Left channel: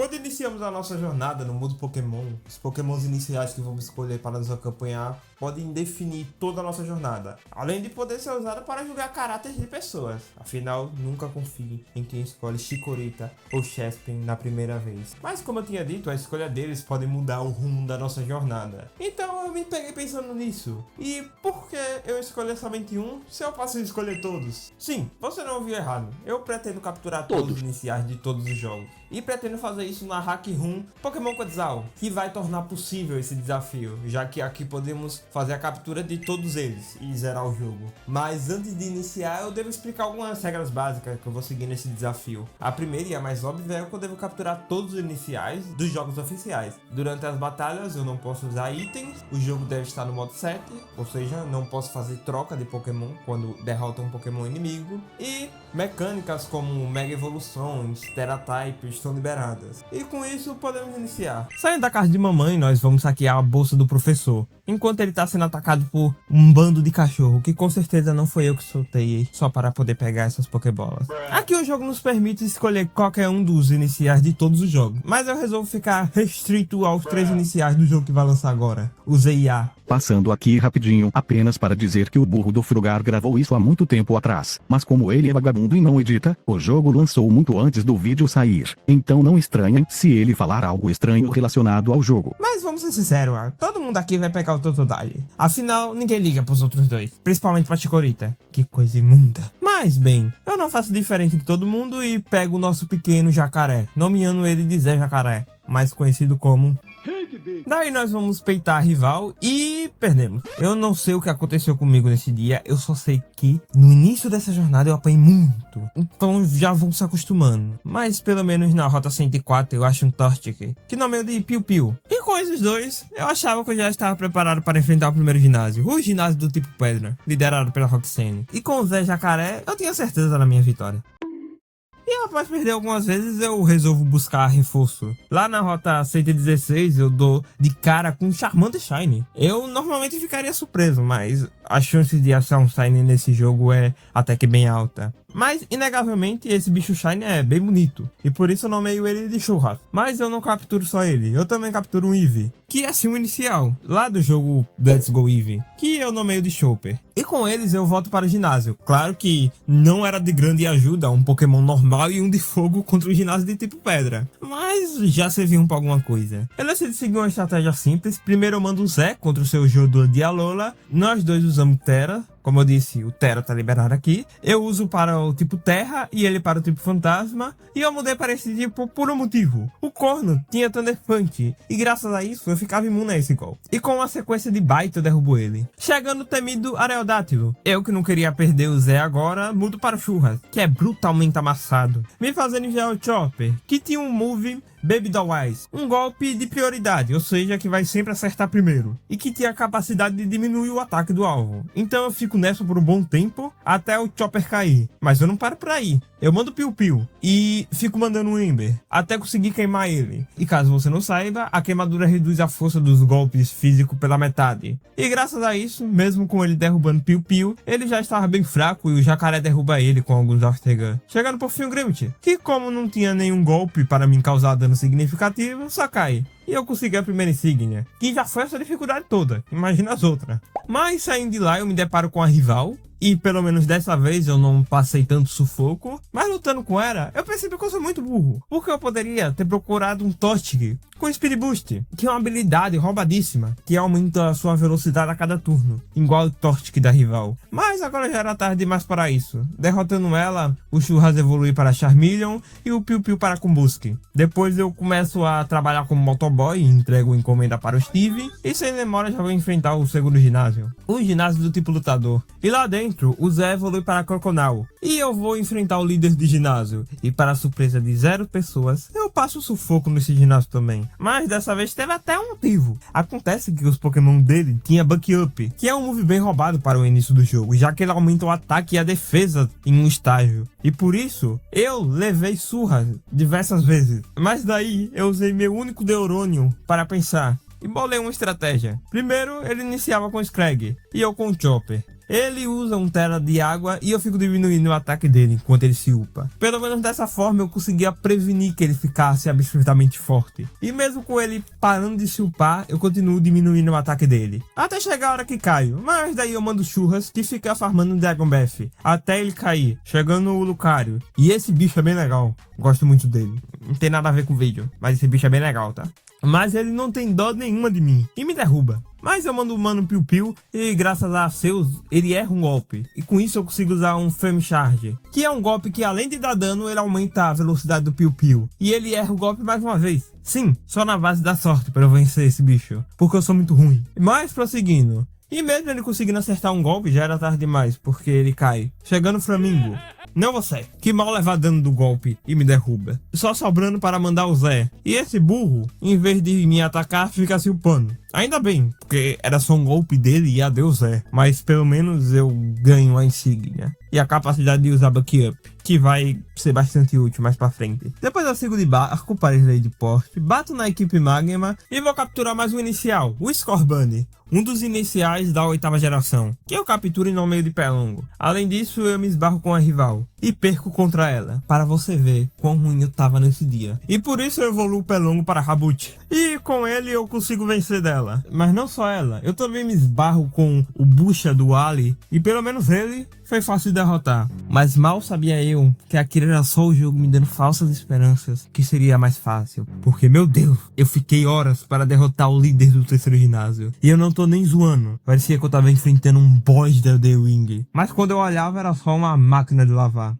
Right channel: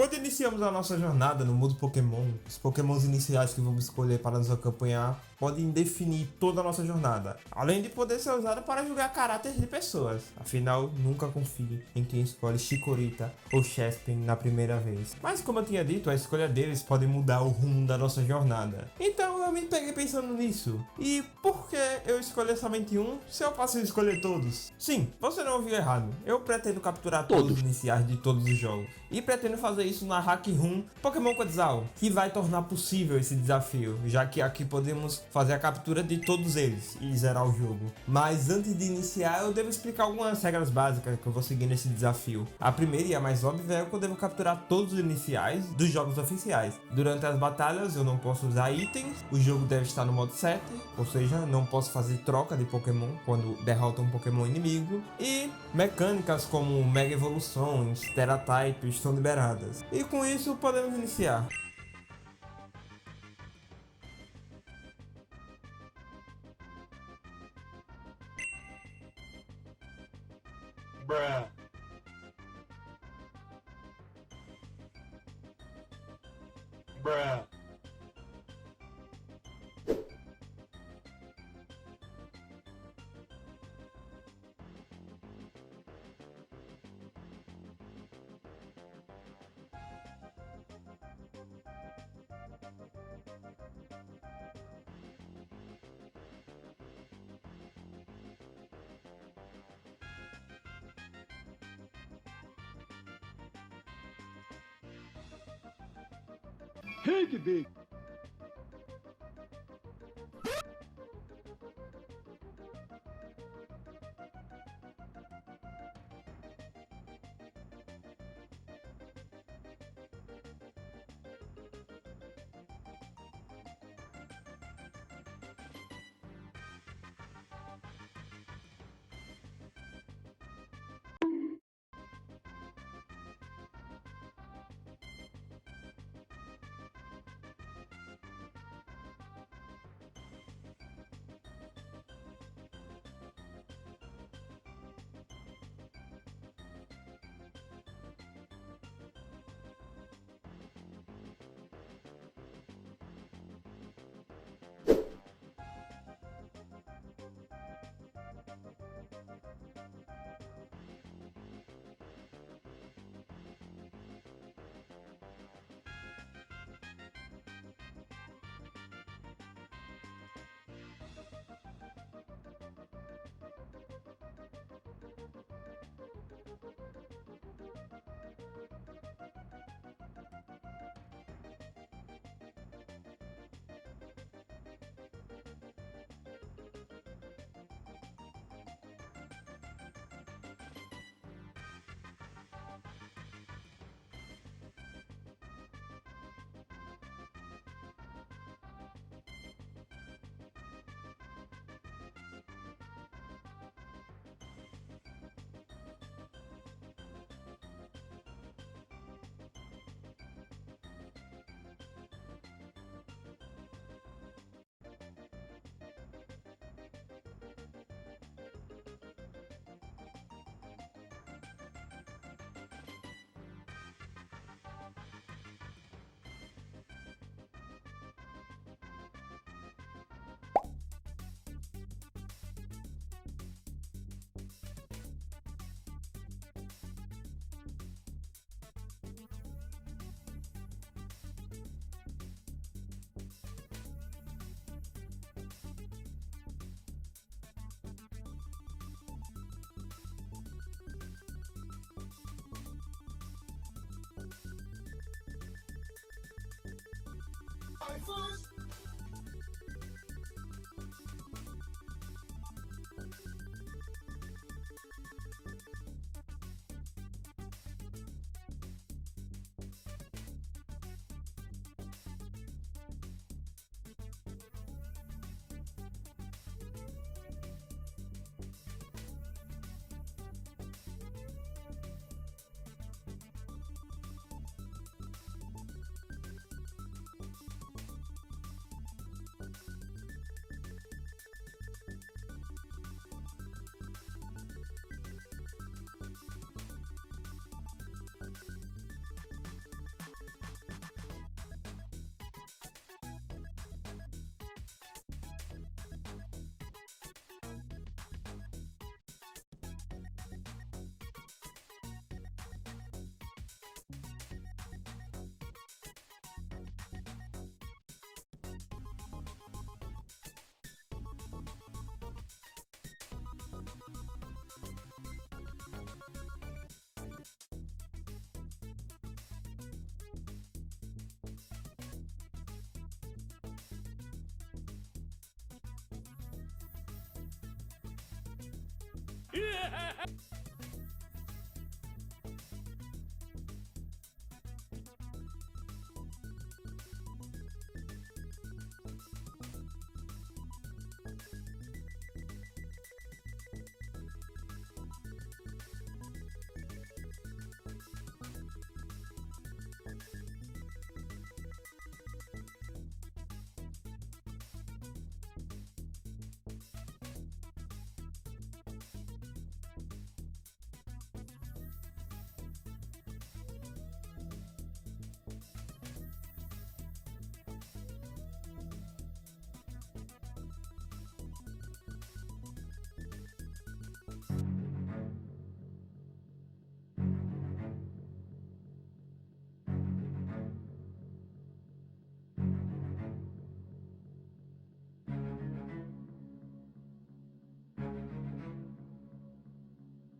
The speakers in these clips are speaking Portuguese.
Quando iniciamos a nossa jornada no mundo Pokémon, os Pokémons iniciais que vamos escolher para nos acompanhar podem definir toda a nossa jornada, além de poder ser usado para julgar caráteres de pessoas. Afinal, nunca confie em quem escolhe Chikorita ou Chespin na primeira vez. Mas como eu tinha dito, a escolha deles pode mudar o rumo da nossa jornada. Então eu me peguei pensando nisso. E por que eu escolher somente um se eu posso escolher todos? Sim, você não ouviu errado. Eu pretendo capturar todos os iniciais de todos os jogos. E pretendo fazer isso na Hack Room Pokémon Quetzal, que vai tornar possível esse desafio, já que aqui podemos fazer a captura de todos eles e zerar o jogo. Mas antes de iniciar, eu devo explicar algumas regras básicas que eu vou seguir nesse desafio. A primeira e a mais óbvia é que eu devo capturar todos os iniciais dos jogos oficiais. Durante as batalhas eu não posso usar itens, o jogo deve estar no modo 7, ou seja, não posso fazer troca de Pokémon quando derrota um Pokémon inimigo, e mecânicas como Mega Evoluções, Terra-type estão liberadas. E com isso podemos iniciar. Saindo da casa de mamãe, nós vamos saquear a bolsa do professor, enquanto ele está sendo atacado por um bando de cachorro, que com certeza não foi eu que soltei só para poder pegar essas Pokébolas. Aqui o jogo nos permite escolher qualquer um dos iniciais de todos os jogos, mas eu resolvo ficar restrito aos 3 iniciais do jogo que vai lançar agora, o ZIA. Passando aqui rapidinho, apenas para dizer que o burro do Frugar gravou isso há muito tempo atrás, mas como ele é vagabundo e não edita, o jogo lançou muito antes do vídeo sair, então não estranhem se ele falar algo estranho relacionado ao jogo. Mas vamos ser sinceros, todo mundo aqui vai pegar o Totodile. Afinal, ninguém liga pros outros dois, principalmente pra Chikorita. Que coisa imunda. Mas bem, eu não faço diferente de todo mundo e pego o nosso pequeno jacaré, nomeando ele de Zé Jacaré, mais conhecido como... Daí nós vamos peitar a rival e perdemos. Eu não sei o que aconteceu comigo nesse dia, eu só sei que no início dessa jornada eu apanhei muito, então já vou se acostumando. Mas pelo menos na rota 104 eu acho um Torchic, que nomeio de Piu Piu. E com esses dois, eu achava que eu já estava preparado para enfrentar o primeiro ginásio, o ginásio do tipo Pedra, liderado pela Roxane. E com o Zé Jacaré, eu tinha certeza da minha vitória. E após perder algumas vezes, eu resolvo buscar reforço. Lá na rota 116, eu dou de cara com um Charmander Shine. Eu normalmente ficaria surpreso, mas a chance de achar um Shine nesse jogo é até que bem alta. Mas, inegavelmente, esse bicho Shine é bem bonito, e por isso eu nomeio ele de Churras. Mas eu não capturo só ele, eu também capturo um Eevee, que é assim o inicial, lá do jogo Let's Go Eevee, que eu nomeio de Chopper. E com eles eu volto para o ginásio. Claro que não era de grande ajuda um Pokémon normal e um de fogo contra o ginásio de tipo pedra, mas já serviu para alguma coisa. Eu decidi seguir uma estratégia simples. Primeiro eu mando o Zé contra o seu Jodor de Alola. Nós dois usamos Terra. Como eu disse, o Terra tá liberado aqui. Eu uso para o tipo Terra e ele para o tipo Fantasma. E eu mudei para esse tipo por um motivo. O Corno tinha Thunderpunch e graças a isso eu ficava imune a esse golpe. E com uma sequência de Bite eu derrubo ele. Chegando o temido Aerodátilo. Eu que não queria perder o Zé agora, mudo para o Churras, que é brutalmente amassado. Me fazendo enviar o Chopper, que tinha um move Baby Doll Eyes, um golpe de prioridade, ou seja, que vai sempre acertar primeiro, e que tinha a capacidade de diminuir o ataque do alvo. Então eu fico nessa por um bom tempo, até o Chopper cair. Mas eu não paro por aí. Eu mando Piu Piu, e fico mandando um Ember, até conseguir queimar ele. E caso você não saiba, a queimadura reduz a força dos golpes físicos pela metade. E graças a isso, mesmo com ele derrubando Piu Piu, ele já estava bem fraco e o Jacaré derruba ele com alguns Aftergun. Chegando por fim o Grimmet, que como não tinha nenhum golpe para me causar dano significativo, só cai. E eu consegui a primeira insígnia, que já foi essa dificuldade toda, imagina as outras. Mas saindo de lá eu me deparo com a rival, e pelo menos dessa vez eu não passei tanto sufoco, mas lutando com ela, eu percebi que eu sou muito burro, porque eu poderia ter procurado um Torchic com Speed Boost, que é uma habilidade roubadíssima, que aumenta a sua velocidade a cada turno, igual o Torchic da rival. Mas agora já era tarde demais para isso. Derrotando ela, o Churras evolui para Charmeleon e o Piu Piu para Combusken. Depois eu começo a trabalhar como motoboy e entrego encomenda para o Steve, e sem demora já vou enfrentar o segundo ginásio, o ginásio do tipo lutador. E lá dentro, o Zé evolui para Croconal, e eu vou enfrentar o líder de ginásio, e para a surpresa de 0 pessoas, eu passo sufoco nesse ginásio também. Mas dessa vez teve até um motivo. Acontece que os Pokémon dele tinha Buck Up, que é um move bem roubado para o início do jogo, já que ele aumenta o ataque e a defesa em um estágio. E por isso, eu levei surras diversas vezes. Mas daí, eu usei meu único Deuronium para pensar, e bolei uma estratégia. Primeiro, ele iniciava com o Scrag e eu com o Chopper. Ele usa um tera de água e eu fico diminuindo o ataque dele enquanto ele se upa. Pelo menos dessa forma eu conseguia prevenir que ele ficasse absurdamente forte. E mesmo com ele parando de se upar, eu continuo diminuindo o ataque dele. Até chegar a hora que caio, mas daí eu mando Churras que fica farmando o Dragon Breath até ele cair, chegando o Lucario. E esse bicho é bem legal, gosto muito dele. Não tem nada a ver com o vídeo, mas esse bicho é bem legal, tá? Mas ele não tem dó nenhuma de mim e me derruba. Mas eu mando o mano Piu Piu e graças a seus, ele erra um golpe. E com isso eu consigo usar um Flame Charge, que é um golpe que além de dar dano, ele aumenta a velocidade do Piu Piu. E ele erra o golpe mais uma vez. Sim, só na base da sorte para eu vencer esse bicho, porque eu sou muito ruim. Mas prosseguindo. E mesmo ele conseguindo acertar um golpe, já era tarde demais, porque ele cai. Chegando o Flamingo. Não você, que mal levar dano do golpe e me derruba. Só sobrando para mandar o Zé. E esse burro, em vez de me atacar, fica se upando. Ainda bem, porque era só um golpe dele e adeus Zé. Mas pelo menos eu ganho a insígnia. E a capacidade de usar Buck Up, que vai ser bastante útil mais pra frente. Depois eu sigo de barco para a ilha de porte, bato na equipe Magma e vou capturar mais um inicial, o Scorbunny. Um dos iniciais da 8ª geração, que eu capturo no meio de Pelongo. Além disso, eu me esbarro com a rival e perco contra ela, para você ver quão ruim eu tava nesse dia. E por isso eu evoluo o Pelongo para Raboot. E com ele eu consigo vencer dela. Mas não só ela, eu também me esbarro com o Bucha do Ali, e pelo menos ele foi fácil de derrotar. Mas mal sabia eu que aquilo era só o jogo me dando falsas esperanças que seria mais fácil. Porque, meu Deus, eu fiquei horas para derrotar o líder do 3º ginásio. E eu não tô nem zoando. Parecia que eu tava enfrentando um boss da The Wing. Mas quando eu olhava era só uma máquina de lavar.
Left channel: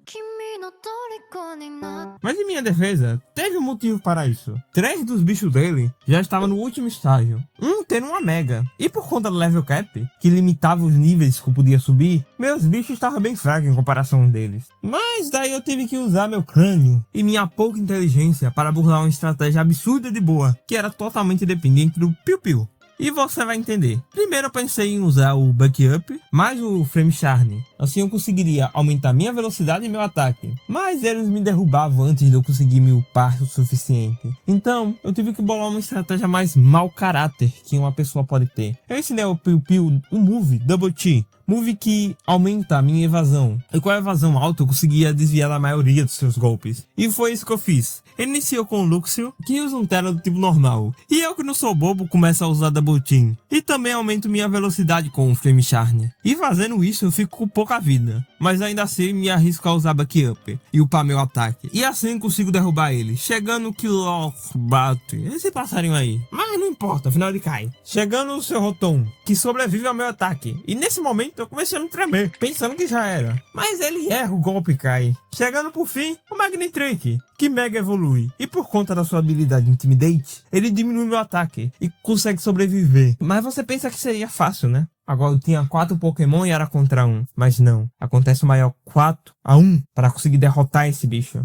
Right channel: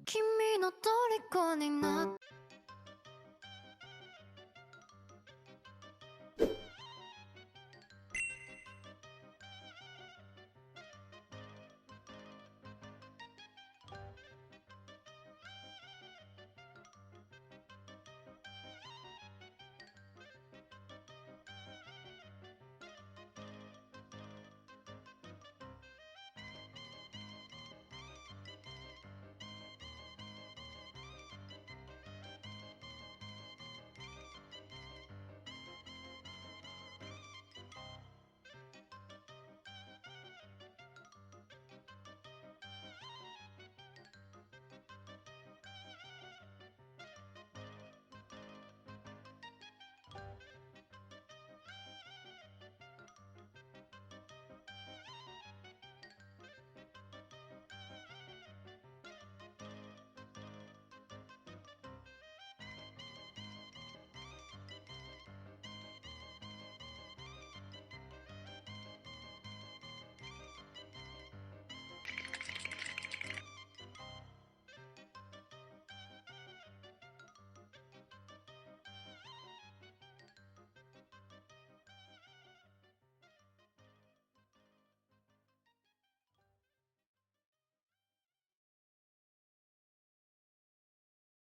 Mas em minha defesa, teve um motivo para isso. 3 dos bichos dele já estavam no último estágio. Um tendo uma mega. E por conta do level cap, que limitava os níveis que eu podia subir, meus bichos estavam bem fracos em comparação deles. Mas daí eu tive que usar meu crânio e minha pouca inteligência para burlar uma estratégia absurda de boa, que era totalmente dependente do Piu Piu. E você vai entender. Primeiro eu pensei em usar o Buck Up mais o Flame Charge. Assim eu conseguiria aumentar minha velocidade e meu ataque. Mas eles me derrubavam antes de eu conseguir me upar o suficiente. Então eu tive que bolar uma estratégia mais mau caráter que uma pessoa pode ter. Eu ensinei ao Piu Piu o move Double T. Move que aumenta a minha evasão. E com a evasão alta eu conseguia desviar da maioria dos seus golpes. E foi isso que eu fiz. Ele iniciou com o Luxio, que usa um tera do tipo normal. E eu que não sou bobo começo a usar Double Team. E também aumento minha velocidade com o Flame Charge. E fazendo isso eu fico com pouca vida. Mas ainda assim me arrisco a usar Buck Up e upar meu ataque. E assim consigo derrubar ele. Chegando o Killof bate. Esse passarinho aí. Mas não importa, afinal ele cai. Chegando o seu Rotom, que sobrevive ao meu ataque. E nesse momento eu comecei a me tremer, pensando que já era. Mas ele erra, o golpe cai. Chegando por fim, o Magnetrick, que mega evolui. E por conta da sua habilidade Intimidate, ele diminui meu ataque e consegue sobreviver. Mas você pensa que seria fácil, né? Agora eu tinha 4 Pokémon e era contra 1. Mas não, acontece o maior 4-1 para conseguir derrotar esse bicho.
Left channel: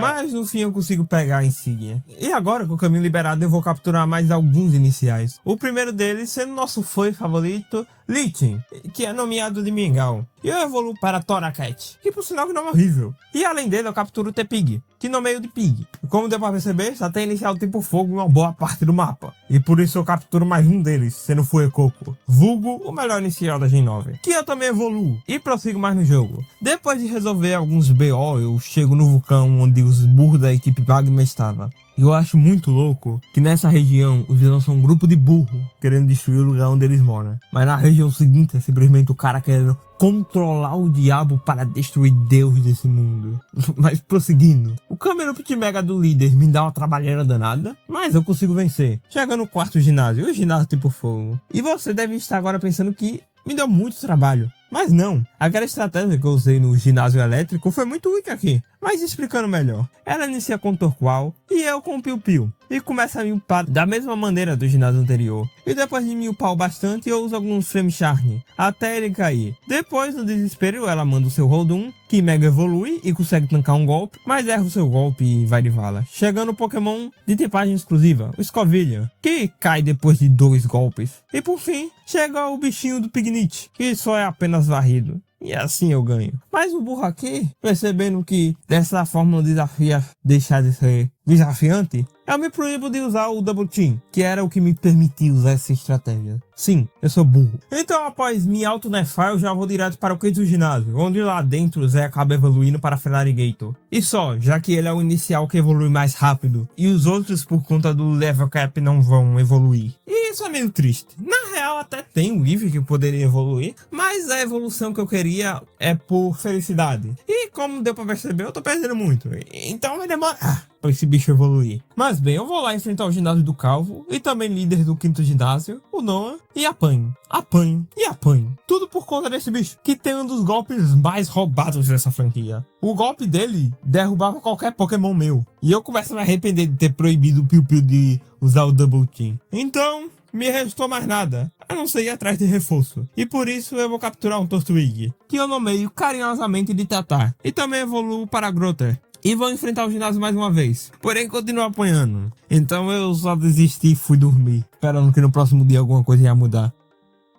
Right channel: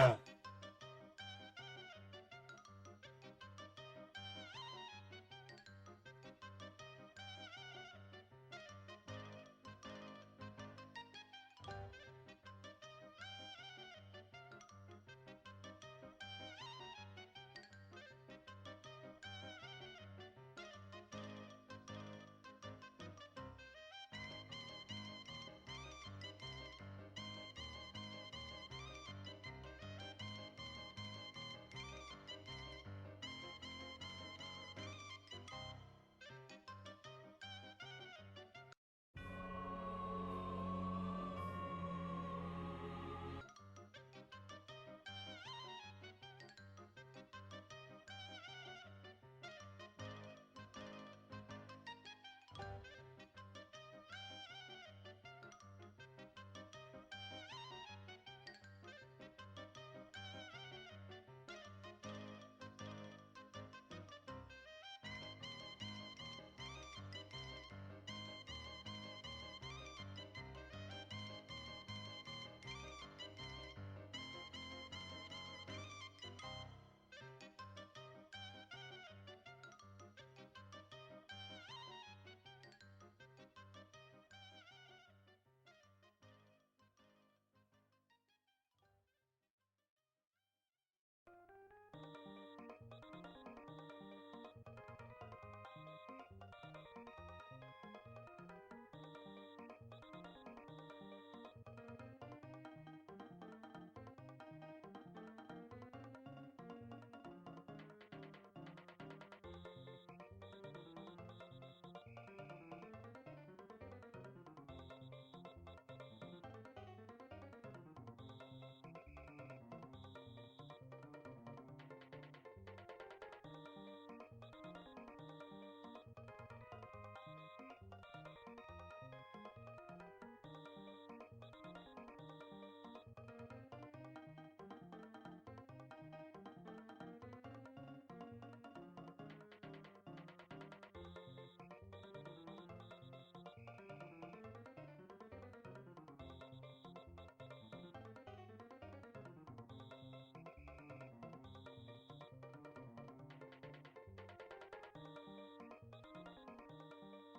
Mas no fim eu consigo pegar a insígnia. E agora com o caminho liberado eu vou capturar mais alguns iniciais. O primeiro deles sendo nosso foi favorito, Lichen, que é nomeado de Mingau. E eu evoluo para Toracat, que por sinal que não é horrível. E além dele eu capturo o T-Pig, que nomeio de Pig. E como deu pra perceber, já tem inicial tipo fogo em uma boa parte do mapa. E por isso eu capturo mais um deles, sendo Fuecoco, vulgo o melhor inicial da Gen 9. Que eu também evoluo e prossigo mais no jogo. Depois de resolver alguns BO, eu chego no vulcão onde os burros da equipe Magma estavam. E eu acho muito louco que nessa região os vilões são um grupo de burros querendo destruir o lugar onde eles moram. Mas na região seguinte é simplesmente o cara querendo controlar o diabo para destruir Deus desse mundo. Mas prosseguindo, o Camerupt Mega do líder me dá uma trabalheira danada, mas eu consigo vencer. Chega no 4º ginásio, o ginásio tipo fogo. E você deve estar agora pensando que me deu muito trabalho. Mas não, aquela estratégia que eu usei no ginásio elétrico foi muito útil aqui. Mas explicando melhor, ela inicia com o Torqual e eu com o Piu Piu. E começa a me upar da mesma maneira do ginásio anterior. E depois de me upar bastante, eu uso alguns Flame Charm até ele cair. Depois, no desespero, ela manda o seu Holdum, que mega evolui e consegue tancar um golpe, mas erra o seu golpe e vai de vala. Chegando o Pokémon de tipagem exclusiva, o Scovillian, que cai depois de 2 golpes. E por fim, chega o bichinho do Pignite, que só é apenas varrido. E assim eu ganho. Mas o burro aqui, percebendo que dessa forma o desafio ia deixar de ser desafiante, eu me proíbo de usar o Double Team, que era o que me permitia usar essa estratégia. Sim, eu sou burro. Então após me auto-nerfar, eu já vou direto para o quinto ginásio, onde lá dentro o Zé acaba evoluindo para Feraligatr. E só, já que ele é o inicial que evolui mais rápido, e os outros por conta do level cap não vão evoluir. E isso é meio triste. Na real até tem um Eevee que poderia evoluir, mas a evolução que eu queria é por felicidade. E como deu pra perceber, eu tô perdendo muito. Então vai demorar pra esse bicho evoluir. Mas bem, eu vou lá enfrentar o ginásio do Calvo e também líder do quinto ginásio, o Noah, e apanho. Apanho e apanho. Tudo por conta desse bicho, que tem um dos golpes mais roubados dessa franquia. O golpe dele derrubava qualquer Pokémon meu. E eu começo a me arrepender de ter proibido o Piu Piu de usar o Double Team. Então, me restou mais nada, a não ser ir atrás de reforço. E por isso eu vou capturar um Turtwig, que eu nomeio carinhosamente de Tatar. E também evoluo para Grotter. E vou enfrentar o ginásio mais uma vez. Porém, continuo apanhando. Então eu só desisti e fui dormir, esperando que no próximo dia alguma coisa ia mudar.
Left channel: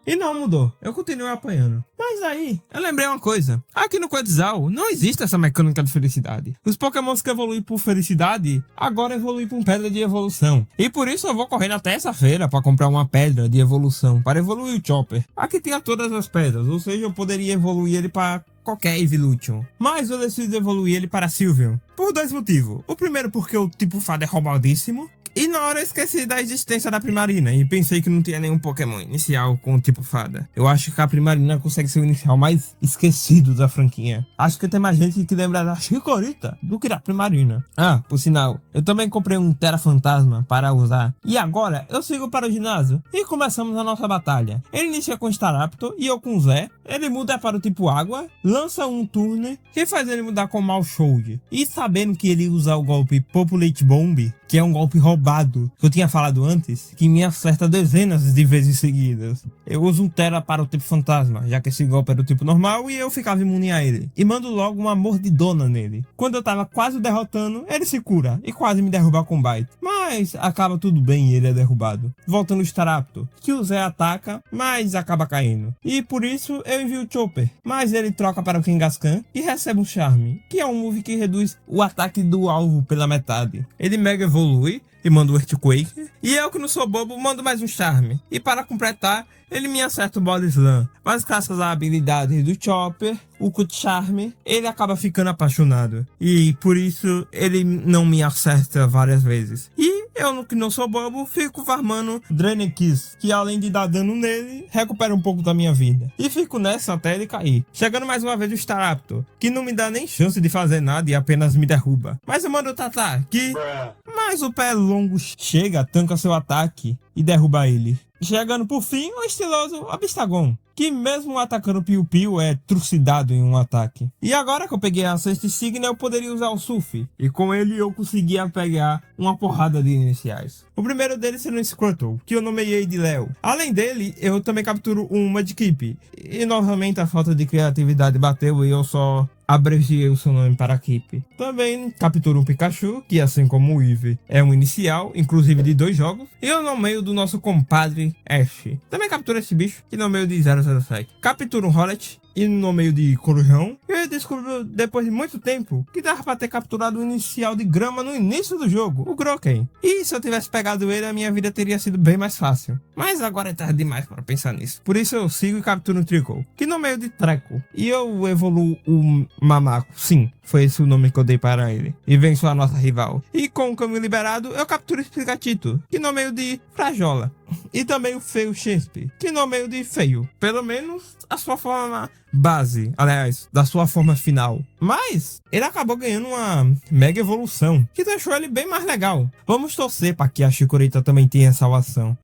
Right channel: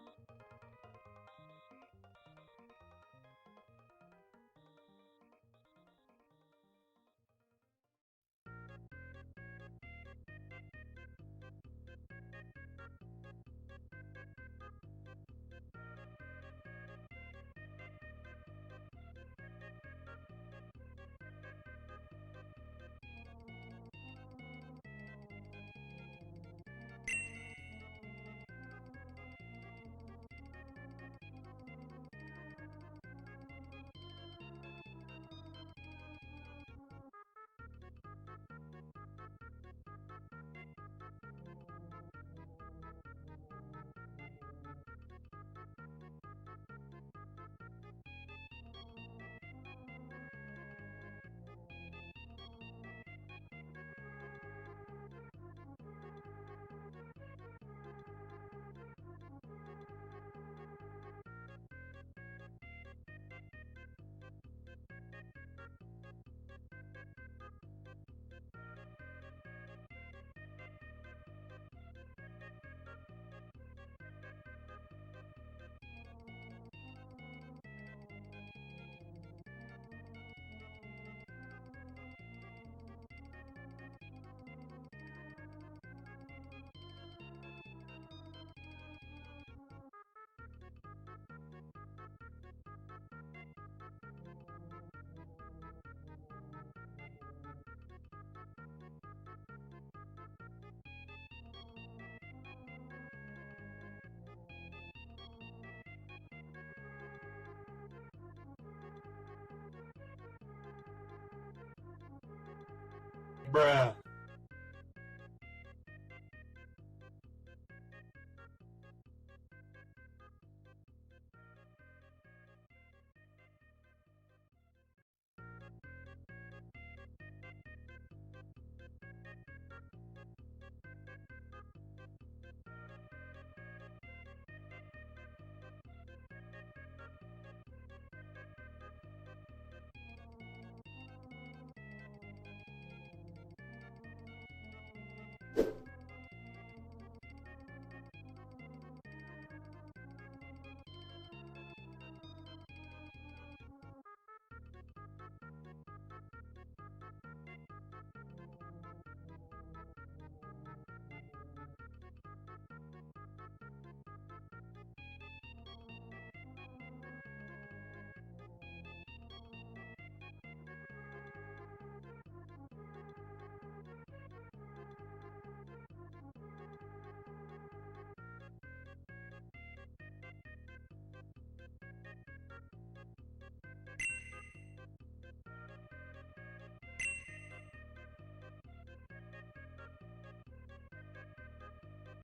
E não mudou, eu continuei apanhando. Mas aí, eu lembrei uma coisa. Aqui no Quetzal não existe essa mecânica de felicidade. Os Pokémons que evoluem por felicidade, agora evoluem por pedra de evolução. E por isso eu vou correndo até essa feira para comprar uma pedra de evolução, para evoluir o Chopper. Aqui tem todas as pedras, ou seja, eu poderia evoluir ele para qualquer Evolution. Mas eu decido evoluir ele para Sylveon, por 2 motivos. O primeiro porque o tipo fada é roubadíssimo. E na hora eu esqueci da existência da Primarina e pensei que não tinha nenhum Pokémon inicial com o tipo fada. Eu acho que a Primarina consegue ser o inicial mais esquecido da franquia. Acho que tem mais gente que lembra da Chikorita do que da Primarina. Ah, por sinal, eu também comprei um Tera Fantasma para usar. E agora eu sigo para o ginásio e começamos a nossa batalha. Ele inicia com Staraptor e eu com Zé. Ele muda para o tipo água, lança um Turner que faz ele mudar com Malshold. E sabendo que ele usa o golpe Populate Bomb, que é um golpe roubado que eu tinha falado antes, que me acerta dezenas de vezes seguidas. Eu uso um Tera para o tipo fantasma, já que esse golpe era do tipo normal e eu ficava imune a ele. E mando logo uma mordidona nele. Quando eu tava quase derrotando, ele se cura e quase me derruba com Bite. Mas acaba tudo bem e ele é derrubado. Volta no Staraptor, que o Zé ataca, mas acaba caindo. E por isso eu envio o Chopper, mas ele troca para o Kangaskhan e recebe um Charme, que é um move que reduz o ataque do alvo pela metade. Ele mega evolui e manda o Earthquake. E eu, que não sou bobo, mando mais um Charme. E para completar, ele me acerta o Body Slam. Mas graças à habilidade do Chopper, o Cut Charm, ele acaba ficando apaixonado. E por isso ele não me acerta várias vezes. E eu, que não sou bobo, fico farmando Drain Kiss, que além de dar dano nele, recupera um pouco da minha vida. E fico nessa até ele cair. Chegando mais uma vez o Staraptor, que não me dá nem chance de fazer nada e apenas me derruba. Mas eu mando o Tatar, que... Mas o pé longo chega, tanca seu ataque e derruba ele. Chegando por fim, o estiloso Abistagon, que mesmo atacando o Piu Piu é trucidado em um ataque. E agora que eu peguei a sexta Signa, eu poderia usar o Surf, e com ele eu conseguia pegar uma porrada de iniciais. O primeiro deles sendo o Squirtle, que eu nomeei de Léo. Além dele, eu também capturo um Mudkip, e novamente a falta de criatividade bateu e eu só abreviei o seu nome para Kip. Também capturo um Pikachu, que assim como o Eevee é um inicial, inclusive de 2 jogos, e eu nomeio do nosso compadre Ash. Também capturo esse bicho, que nomeio de 007. Capturo um Rowlet, e no meio de Corujão, eu descobri depois de muito tempo que dava pra ter capturado o inicial de grama no início do jogo, o Grokken. E se eu tivesse pegado ele, a minha vida teria sido bem mais fácil. Mas agora é tarde demais para pensar nisso. Por isso eu sigo e capturo o Trickle, que no meio de Treco. E eu evoluo o Mamaco, sim, foi esse o nome que eu dei para ele. E venço a nossa rival. E com o caminho liberado, eu capturo o Sprigatito, que no meio de Frajola. E também o Feio Chesp, que no meio de Feio. Pelo menos a sua forma base, aliás, da sua forma final. Mas ele acabou ganhando uma mega evolução, que deixou ele bem mais legal. Vamos torcer para que a Chikorita também tenha salvação.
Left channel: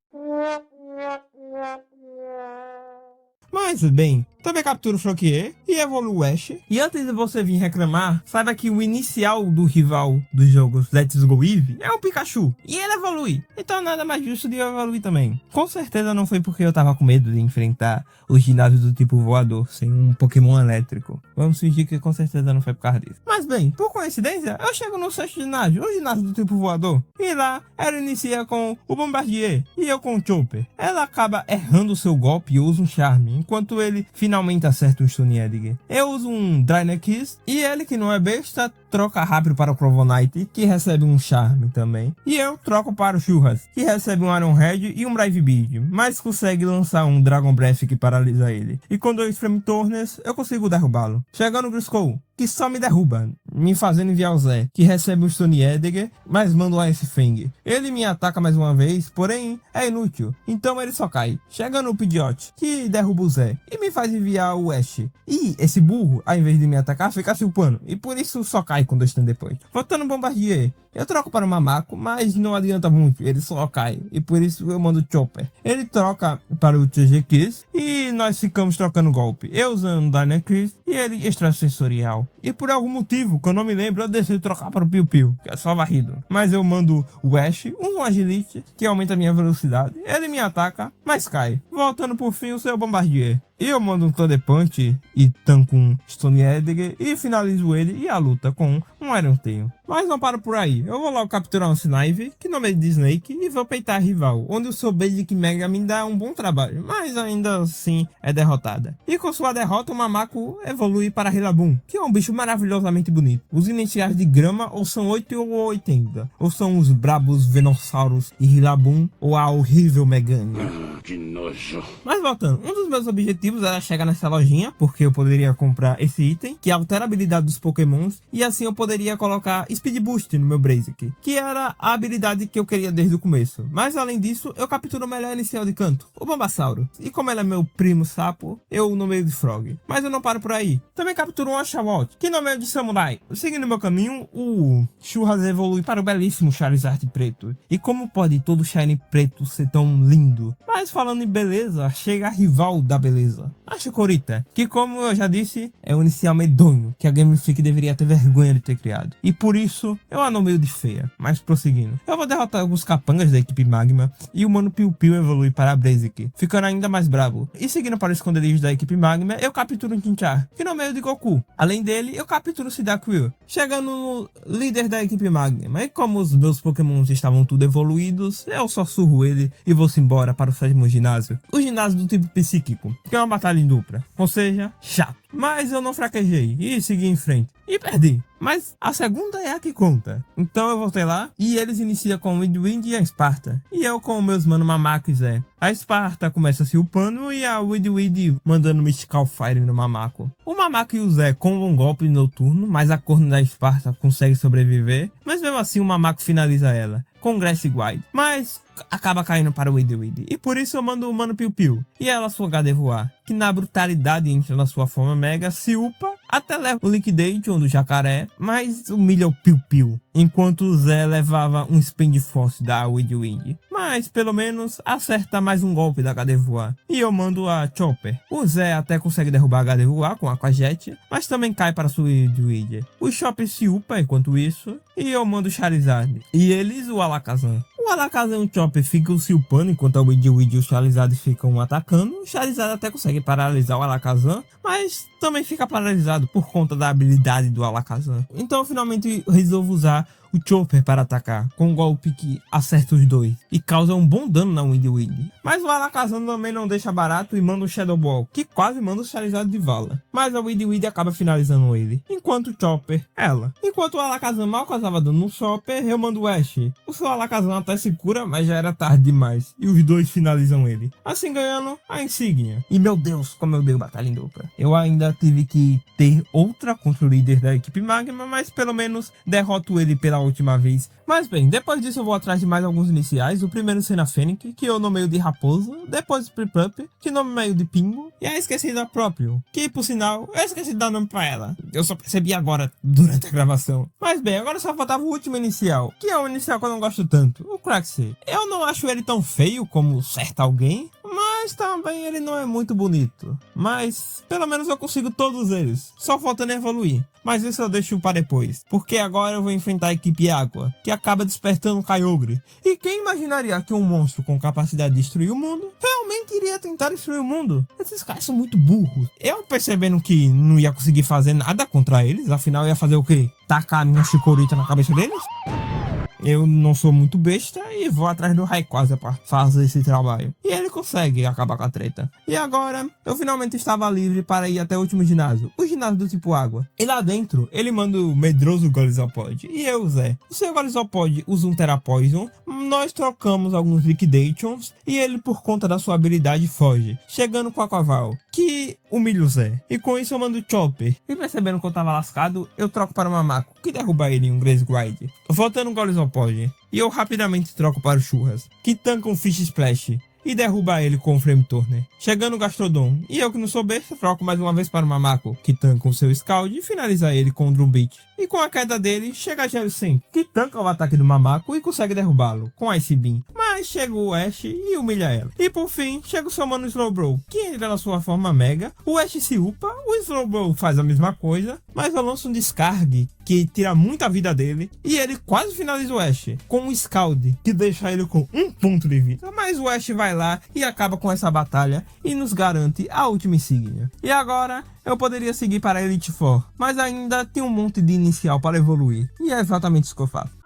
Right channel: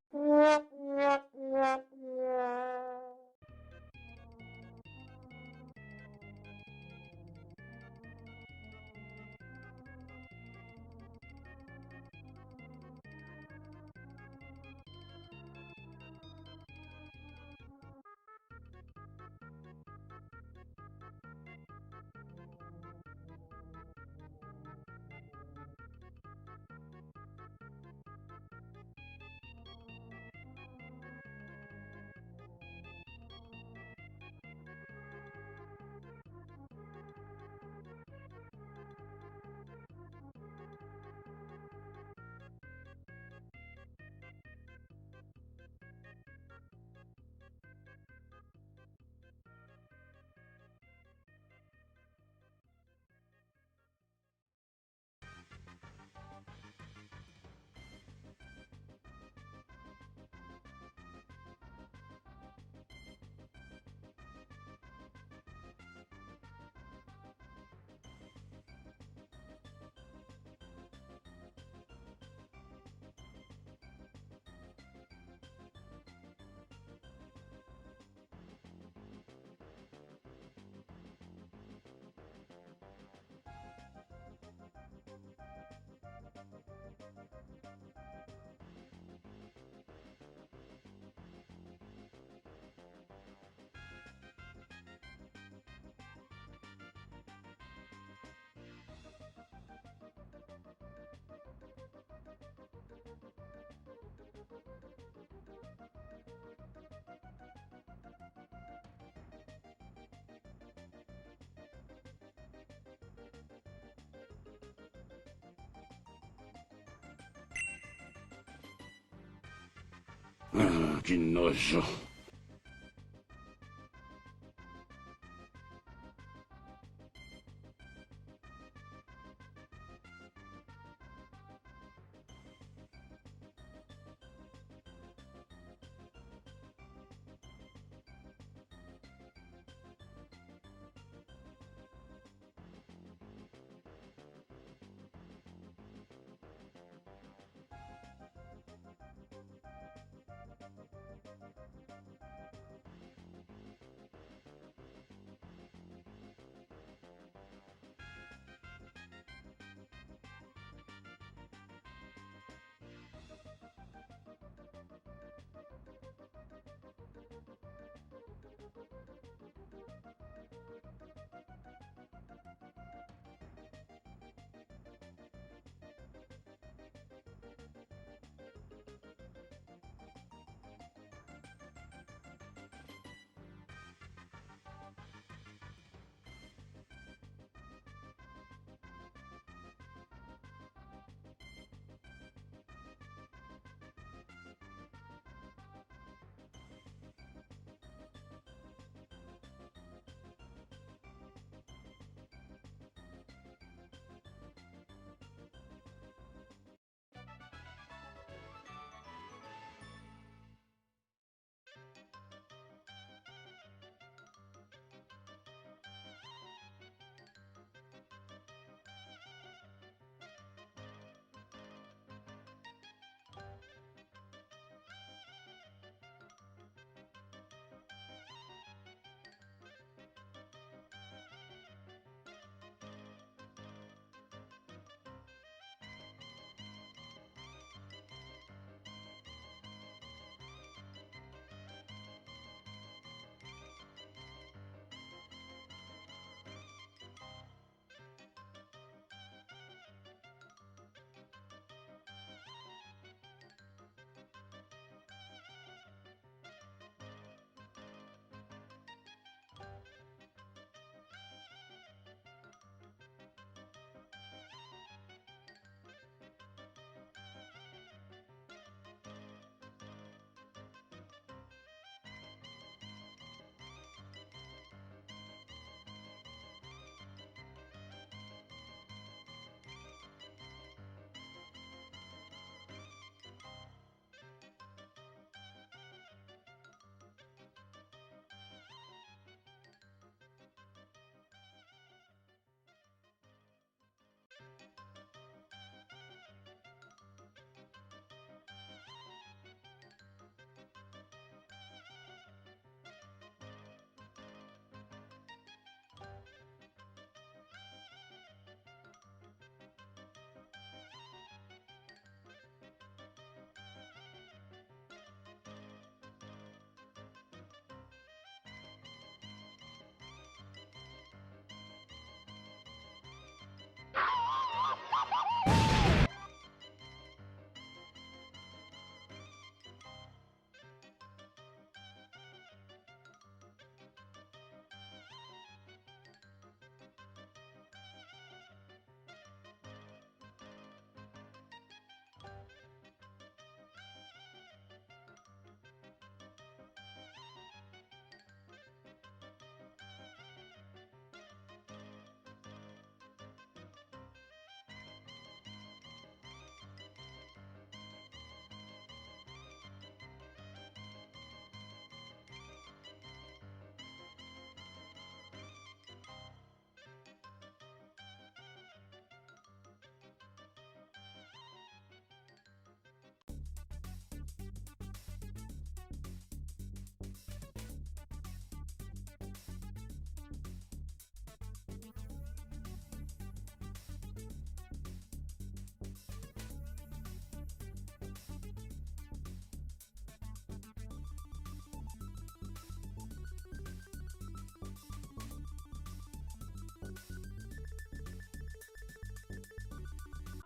Mas bem, também captura o Froakie e evolui o Ash. E antes de você vir reclamar, saiba que o inicial do rival dos jogos Let's Go Eevee é o Pikachu. E ele evolui. Então nada mais justo de eu evoluir também. Com certeza não foi porque eu tava com medo de enfrentar os ginásios do tipo voador sem um Pokémon elétrico. Vamos fingir que com certeza não foi por causa disso. Mas bem, por coincidência, eu chego no sexto ginásio, o ginásio do tipo voador. E lá, ela inicia com o Bombardier e eu com o Chopper. Ela acaba errando o seu golpe e usa um charme, enquanto ele finalmente acerta o Stone Edgar. Eu uso um Drainer Kiss e ele, que não é besta, troca rápido para o Crovonite, que recebe um charme também. E eu troco para o Churras, que recebe um Iron Head e um Brave Beard, mas consegue lançar um Dragon Breath que paralisa ele. E com 2 Flame Thorns, eu consigo derrubá-lo. Chegando no Griscoll, que só me derruba, me fazendo enviar o Zé, que recebe um Stone Edgar, mas manda o Ice Fang. Ele me ataca mais uma vez, porém é inútil, então ele só cai. Chega no Pidgeot, que derruba o Zé, e me faz enviar o Ash. E esse burro, ao invés de me atacar, fica se upando, e por isso só cai com 2 turnos depois. Voltando no Bombardier, eu troco para o Mamaco, mas não adianta muito, ele só cai, e por isso eu mando o Chopper. Ele troca para o TG Kiss, e nós ficamos trocando golpe. Eu usando o Dynamax e ele extrasensorial. E por algum motivo, que eu não me lembro, eu decidi trocar para o Piu Piu, que é só varrido. Mas eu mando o Ash, um Agility, que aumenta a minha velocidade. Ele me ataca, mas cai. Voltando por fim o seu Bombardier. E eu mando um Thunder Punch e tanco um Stone Edgar e finalizo ele e a luta com um Iron Tail. Mas não paro por aí. Eu vou logo capturar um Snivy, que nome é de Snake, e vou peitar a rival, onde o seu Basic Mega me dá um bom trabalho, mas ainda assim é derrotada. E com sua derrota, o Mamaco evolui para Rillaboom, que é um bicho maravilhosamente bonito. Os iniciais de grama ou são 8 ou 80, ou são os brabos Venossauros e Rillaboom, ou a horrível Megane. Que nojo. Mas voltando, um dos meus objetivos era chegar nessa lojinha, porque eu poderia comprar esse item, que altera a habilidade dos Pokémons, e assim eu poderia colocar Speed Boost no meu Blaziken, que era a habilidade que eu queria desde o começo. Mas além disso, eu capturo o melhor inicial de canto, o Bulbasauro. E como ele é meu primo sapo, eu nomeio de Frog. Mas eu não paro por aí. Também capturo um Oshawott, que nomeio de Samurai. Seguindo meu caminho, o Churras evolui para o belíssimo Charizard preto. E como pode todo Shiny preto ser tão lindo? Mas falando em beleza, chega a rival da beleza, a Chikorita, que como eu já disse, é um inicial medonho, que a Game Freak deveria ter vergonha de ter criado. E por isso, eu a nomeio de feia. Mas prosseguindo, eu vou derrotar alguns capangas da equipe Magma, e o Mano Piu Piu evolui para a Blaziken, ficando ainda mais brabo. E seguindo para o esconderijo da equipe Magma, eu capturo um Chinchar, que nomeio de Goku. Além dele, eu capturo o Cyndaquil, chegando no líder da equipe Magma. E como os meus Pokémons estavam tudo evoluídos, eu só surro ele e vou-se embora para o 7º ginásio. O ginásio do tipo psíquico, que é uma batalha em dupla, ou seja, chato. Mas eu não fraquejei e segui em frente. E perdi. Mas a segunda é a que conta. Então eu voltei lá e eles iniciam com o Wind e a Esparta. E eu com meus mano Mamaco e Zé. A Esparta começa se upando e a Wind mandando Mystical Fire no Mamaco. O Mamaco e o Zé combam um golpe noturno, mas a corno da Esparta consegue sobreviver. Mas mesmo assim o Mamaco finaliza ela com Grass Guide, mas acaba caindo para o Wind. E por isso eu mando o Mano Piu Piu e ela sua HD voar, que na brutalidade entra na sua forma mega, se upa, até leva o Liquidate, onde o jacaré, mas humilha o Piu Piu, enquanto o Zé levava um Spin Force da Wind. Mas pelo menos acerta mais um golpe da HD voar, e eu mando a Chopper. O Zé até consegue derrubar a HD voar com a Aquajet, mas também cai para sua Wind. O Chopper se upa enquanto isso, e eu mando o Charizard, e eles o Alakazam. O Alakazam e o Chopper ficam se upando enquanto a Wind e o Charizard ficam atacando. O Charizard até consegue paralisar o Alakazam, mas também fica paralisado por conta da habilidade do Alakazam. Então eu finalmente resolvo usar o Chopper para atacar, com um golpe que acerta os dois e causa um bom dano na Wind. Mas o Alakazam também não deixa barato e manda o Shadow Ball, que quase manda o Charizard de vala. Mas a Wind acaba finalizando ele, enquanto o Chopper, ela. Enquanto o Alakazam mal causava dano no Chopper, eu mando o Ash. O seu Alakazam até se cura, mas já era tarde demais, e os dois finalizam ele, assim ganhando a insígnia. E meu Deus, como eu dei batalha em dupla. Eu ainda tive que ter outra contra o líder da equipe Magma, mas pelo menos derroto ele pela última vez. Mas bem, depois disso eu vou atrás de mais alguns iniciais. O primeiro Sena Fênix, que eu nomeio de Raposa. Depois Priplup, que nomeio de Pingo. E a esquecida Próprio, que por sinal eu esqueci de dar nome pra ela. Eu só percebi agora, durante a gravação. Mas bem, agora só faltava o último inicial, que é um inicial que eu não gosto tanto, o Craxy. Eu não acho ele tão feio como certo alguém, mas Mas também ele não é muito bonito. Mas pelo menos eu consigo todos eles. Só faltando evoluir. Mas isso eu deixo para depois. Porque agora eu vou enfrentar a equipe Água, que acaba despertando o Kyogre. E quem imaginaria que um monstro com capacidade de destruir o mundo realmente iria tentar destruir o mundo? Esses caras são muito burros. Eu percebendo que não ia conseguir fazer nada contra eles. Afinal ia fazer o quê? Tacar a minha chicorita na cabeça deles? Eu não sou muito besta e vou atrás do Rayquaza pra fazer esse trabalho. E ele consegue acabar com a treta. E agora, eu finalmente estava livre para ir até o último ginásio. O ginásio do tipo água. E lá dentro, ele manda o medroso Golisopod. E eu, Zé. O seu Golisopod usa um Tera Poison. Nós trocamos alguns Liquidations. E ele, por conta da sua habilidade, foge. Chegando com a Quaval, que humilha o Zé. E com isso eu mando o Chopper. E percebendo que eu tava lascado, eu troco para o Mamaco, que derruba ele em um Grace Grind. Voltando o Golisopod. E eu rapidamente troco para o Churras, que tanca um Fish Splash e derruba ele com o Flame Turner. Chegando o Gastrodon, e eu que não sou besta, troco mais uma vez para o Mamaco, que tanca o seu Scald e finaliza ele com o Drum Beat. E com a queda dele, chega a Jellicent, que tanca o ataque do Mamaco e consegue derrubá-lo com Ice Beam. Mas chega o Ash e humilha ela. E por fim, chega o seu mano Slowbro, que entra na sua forma Mega. O Ash se upa, o Slowbro faz a mesma coisa, mas eu lanço um Discard que tira muita vida dele. E ele quase finaliza o Ash com um Scald, que deixa ele com 1 ponto de vida. Mas o Ash vai lá e acaba com essa batalha e nos garante a última insígnia. E agora eu poderia seguir para a Elite Four, mas ainda tem um monte de inicial para evoluir. E é exatamente isso que eu faço.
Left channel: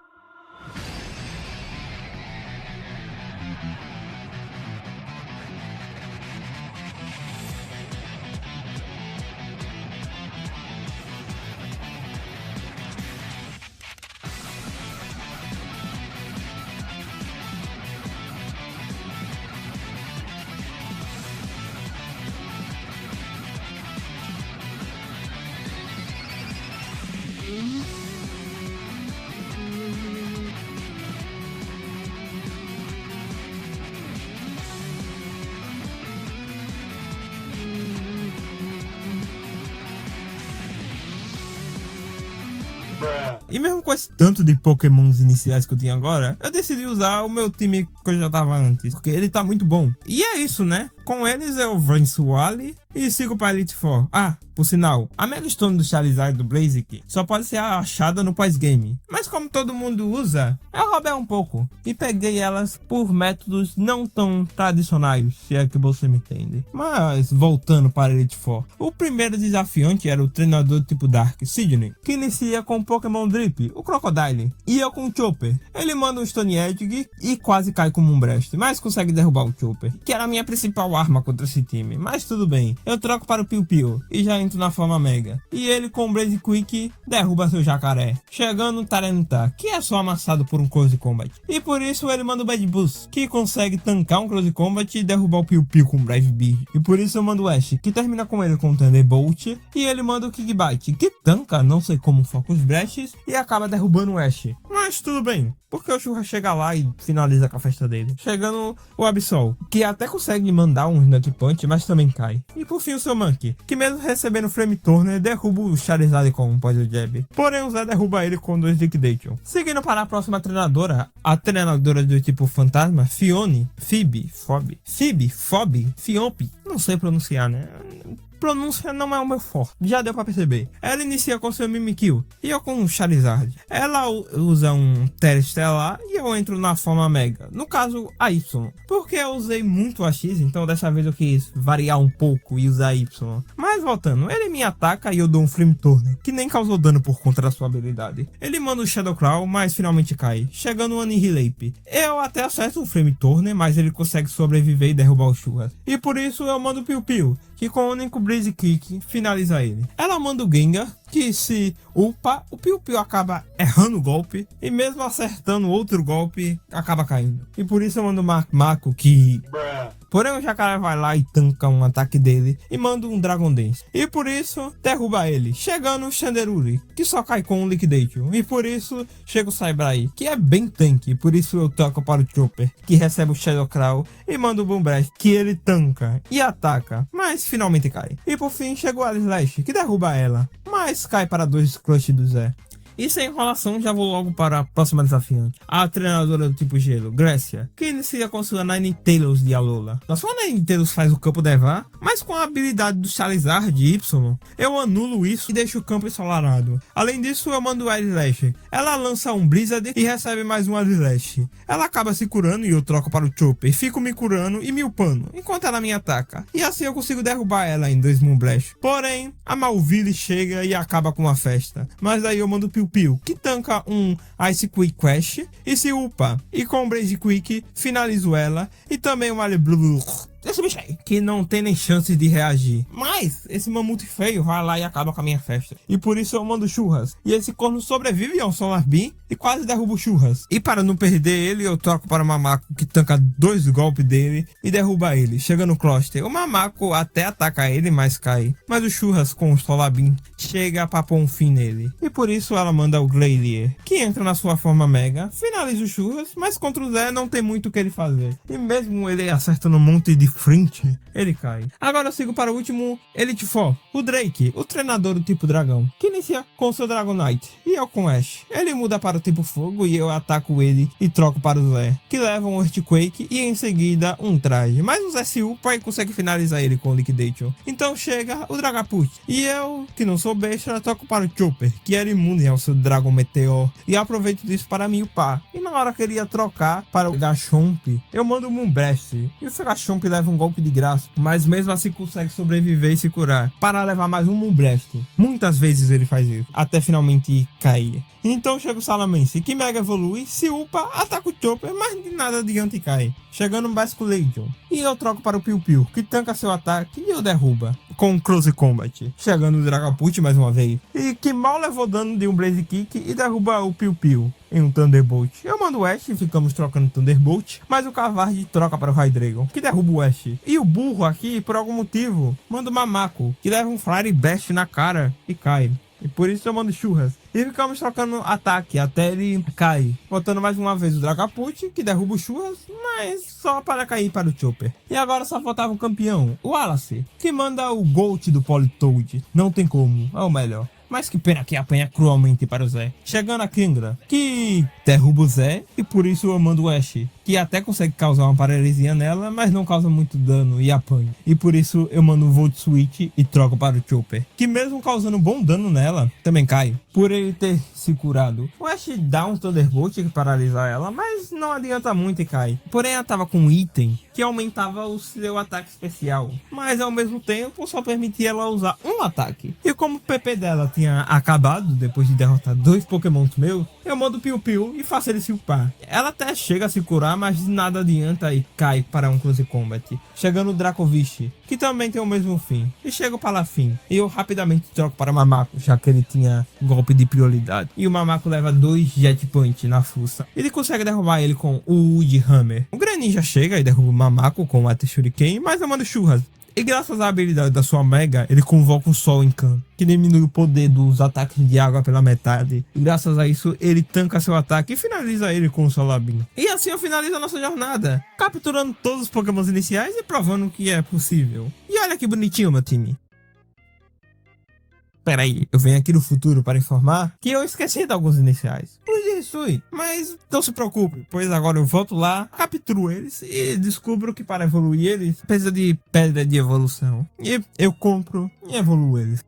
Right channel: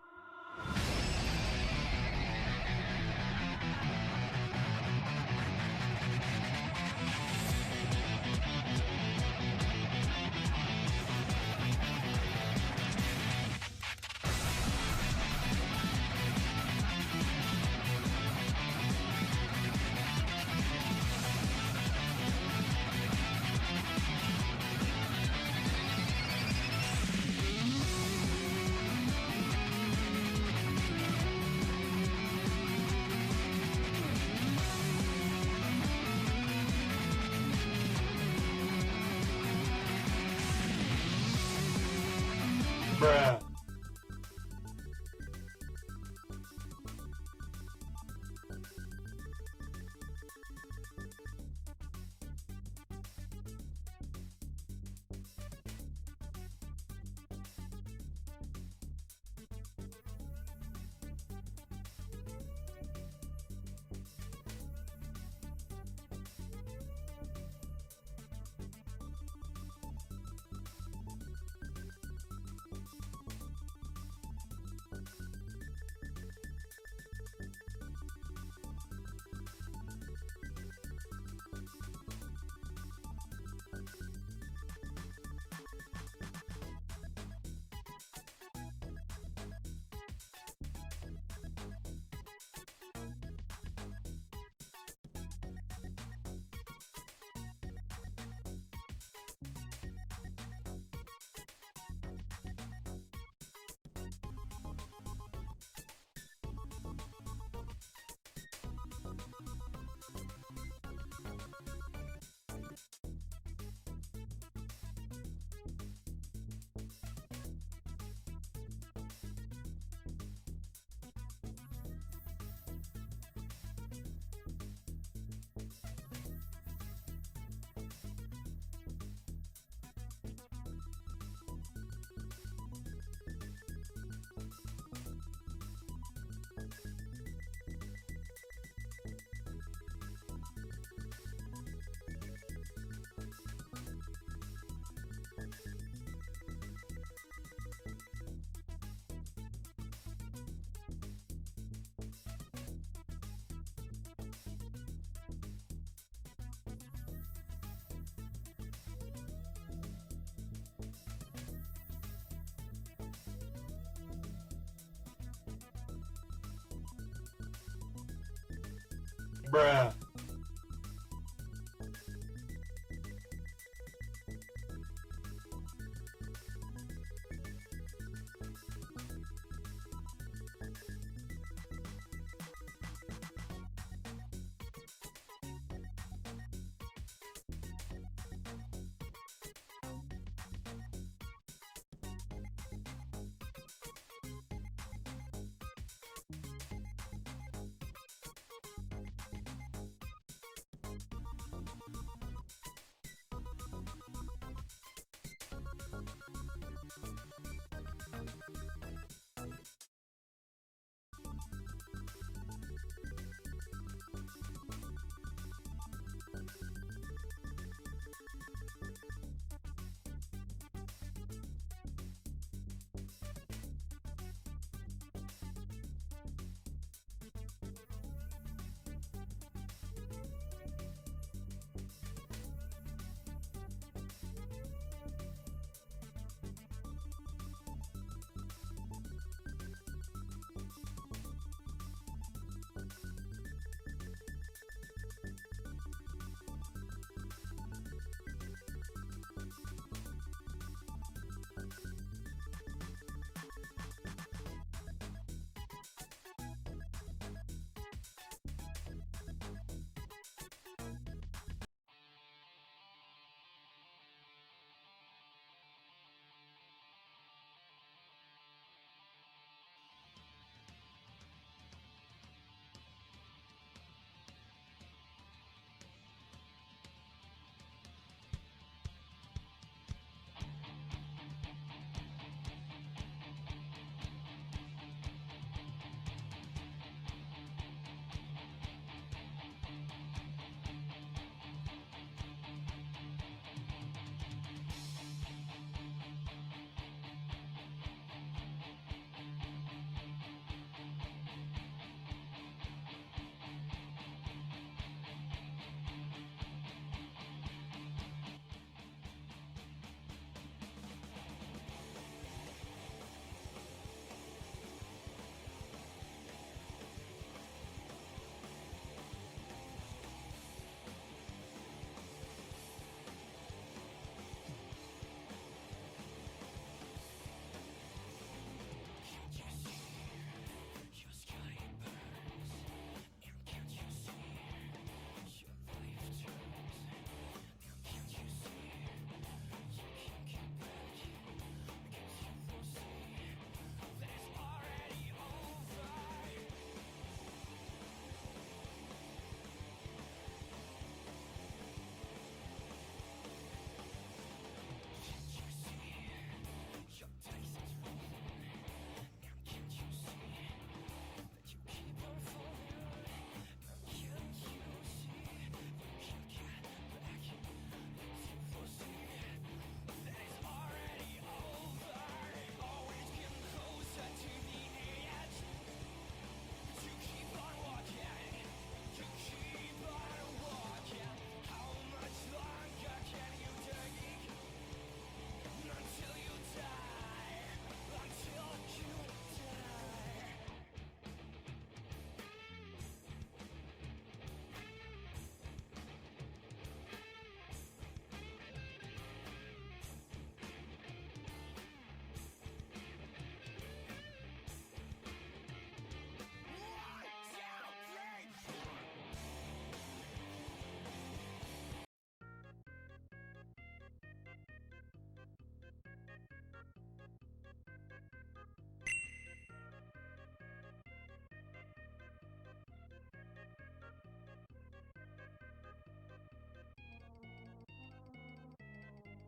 E mesmo com esse tanto de pokémons iniciais que eu tinha agora, eu decidi usar o meu time que eu já tava antes, porque ele tá muito bom. E é isso, né? Com eles eu venço o Ali e sigo para Elite Four. Ah, por sinal, a Mega Stone do Charizard do Blaziken só pode ser achada no pós-game. Mas como todo mundo usa, eu roubei um pouco e peguei elas por métodos não tão tradicionais, se é que você me entende. Mas voltando para Elite Four, o primeiro desafiante era o treinador tipo Dark, Sidney, que inicia com o Pokémon Drip, o Crocodile, e eu com o Chopper. Ele manda um Stone Edge e quase cai como um Breast, mas consegue derrubar o Chopper, que era a minha principal arma contra esse time. Mas tudo bem, eu troco para o Piu Piu e já entro na forma Mega. E ele com o Blaze Quick derruba seu jacaré, chegando no Tyranitar, que é só amassado por um Close Combat. E por isso ele manda o Bad Boost, que consegue tancar um Close Combat e derrubar o Piu Piu com o Brave Beard. E por isso eu mando o Ash, que termina com ele com o Thunderbolt, e ele manda o Kickbite, que tanca, não sei como, foca os Brests e acaba derrubando o Ash. Mas tudo bem, porque o Churra chega lá e finaliza com a festa dele. Chegando o Absol, que até consegue mandar um Nut Punch, mas também cai. E por fim o seu Monkey, que mesmo recebendo Flame Turner, derruba o Charizard com um Poison Jab. Porém o Zé derruba ele com 2 Liquidation. Seguindo para a próxima treinadora, a treinadora do tipo Fantasma, Fione, Fiompi, não sei pronunciar, né? Pronúncia não é o meu forte, já deu pra perceber. Ela inicia com seu Mimikyu e eu com o Charizard. Ela usa um Terestelar e eu entro na forma Mega, no caso a Y, porque eu usei muito a X, então dessa vez eu quis variar um pouco e usar a Y. Mas voltando, ele me ataca e eu dou um Flame Turner, que nem causou dano por conta da sua habilidade. Ele manda o Shadow Claw, mas finalmente cai, chegando o Annihilape. Eu até acerto o Flame Turner, mas ele consegue sobreviver e derrubar o Churras. E por isso eu mando o Piu Piu, que com o único Blaze Kick finaliza ele. Ela manda o Gengar, que se upa, o Piu Piu acaba errando o golpe, e mesmo acertando outro golpe, acaba caindo. E por isso eu mando o Mako, que... Porém o Jacaré vai lá e tanca um ataque dele, e manda um Dragon Dance. E por isso, derruba ele, chegando o Chandelure, que só cai com um Liquidation. E por isso, chega o Saibrai, que é bem tanque, por isso eu toco para o Chopper, que recebe o Shadow Claw, e manda o Boom Blast, que ele tanca e ataca, mas finalmente cai. E por fim, chega o Alislash, que derruba ela, mas cai para 2 Clutch do Zé. E sem enrolação, já vou logo para a próxima desafiante. A treinadora do tipo gelo, Grécia, que inicia com sua Ninetales de Alola. A sua Ninetales faz o campo nevar, mas com a habilidade do Charizard de Y, eu anulo isso e deixo o campo ensolarado. Além disso, eu mando o Eyelash. Ela lança um Blizzard e recebe mais um Eyelash. Ela acaba se curando e eu troco para o Chopper. Fico me curando e me upando, enquanto ela me ataca. E assim eu consigo derrubar ela em 2 Moonblast. Porém, a Malville chega e acaba com a festa. Mas daí eu mando o Piu Piu, que tanca um Ice Quick Quest e se upa. E com o Blaze Quick, finalizo ela. E também o Blue. Esse bicho aí, que não tem nem chance de reagir. Mas esse mamute feio vai lá e acaba com a minha festa. E por isso eu mando Churras. E esse corno sobrevive ao Solar Beam e quase derruba o Churras. E para não perder ele, eu troco para o Mamaco, que tanca 2 golpes dele e derruba ele. Chega no Cluster. O Mamaco até ataca ele, mas cai. Mas o Churras com o Solar Beam chega para pôr um fim nele. E por isso ela manda o Glacier, que entra na sua forma Mega, finaliza o Churras, mas contra o Zé não tem muito o que ele fazer. E mesmo ele acertando um monte de frente, ele cai. Agora eu sigo para o último Elite Four, o Drake, o treinador do tipo dragão, que inicia com seu Dragonite, e eu com Ash. Ele muda para o tipo fogo e eu ataco ele e troco para o Zé, que leva um Earthquake e em seguida um traje. Mas o Zé se upa e consegue finalizar ele com o Liquidation. Então chega o Dragapult, e eu, que não sou besta, troco para o Chopper, que era imune ao seu Dragon Meteor, e aproveito disso para me upar. E na hora que ele ia trocar para o Garchomp, eu mando o Moonblast, e o seu Garchomp leva um golpe de graça, mas mesmo assim consegue sobreviver e se curar, para levar mais um Moonblast. Muitas vezes ele faz isso, até finalmente cair. Então chega o Salamence, que mega evolui, se upa, ataca o Chopper, mas de nada adianta e cai. Chegando no Basculation, e eu troco para o Piu Piu, que tanca seu ataque e eu derruba com Close Combat. Chegando o Dragapult mais uma vez, e que mal levou dano de um Blaze Kick e derruba o Piu Piu em um Thunderbolt. Eu mando o Ash e ficamos trocando Thunderbolt, mas o Cavard troca para o Hydreigon, que derruba o Ash. E o burro aqui, por algum motivo, manda o Mamaco, que leva um Flare Blast na cara e cai. E por isso eu mando Churras. E ficamos trocando ataque até ele cair. Botando mais uma vez o Dragapult, que derruba o Churras, mas só para cair para o Chopper. E agora só faltava um campeão, o Wallace, que manda o Gold do Politoed. Não tem como, é o melhor. Mas que pena que apanha cruelmente para o Zé. Chegando a Kendra, que derruba o Zé, e por isso eu mando o Ash, que até consegue causar uma paralisia nela, mas não causa muito dano e apanha. E por isso eu mando o Volt Switch e troco para o Chopper, que mesmo causando bom dano nela, também cai, por ele ter se curado. O Ash dá um Thunderbolt que paralisa ela, mas não adianta muito e cai. Porém ela tava com um item que aumentava o seu ataque especial, mas ao mesmo tempo só permitia ela usar um ataque. E como o PP dela tinha acabado depois de derrotar 2 Pokémons meus, eu mando o Piu Piu e faço ele se upar. Ela até chega a se curar, mas nada adianta e cai para um Close Combat. Chegando o Dracovish, que também tem o mesmo fim. E chega o Palafin, e eu rapidamente troco para Mamaco, já que ele tinha golpe de prioridade. E o Mamaco leva 2 Jet Punch na fuça. Ele consegue derrubar ele com o Wood Hammer. O Greninja chega e derruba o Mamaco com o Water Shuriken, mas eu mando Churras. E graças à habilidade da sua Mega, ele convoca o Sol em campo, que diminui o poder dos ataques de água pela metade. E graças a isso, ele tanca seu ataque e finaliza ele com o Solar Beam. E assim eu finalizo a nossa jornada, capturando todos os Pokémons iniciais e provando que é possível. E olha que bonitinho, meu time. Peraí, eu venho aqui no futuro para informar que eu esqueci de alguns iniciais. Pois mas não se preocupe, pois agora eu volto lá, capturo eles e descubro que para evoluir eles precisa de pedra de evolução. E eu compro e evoluo eles.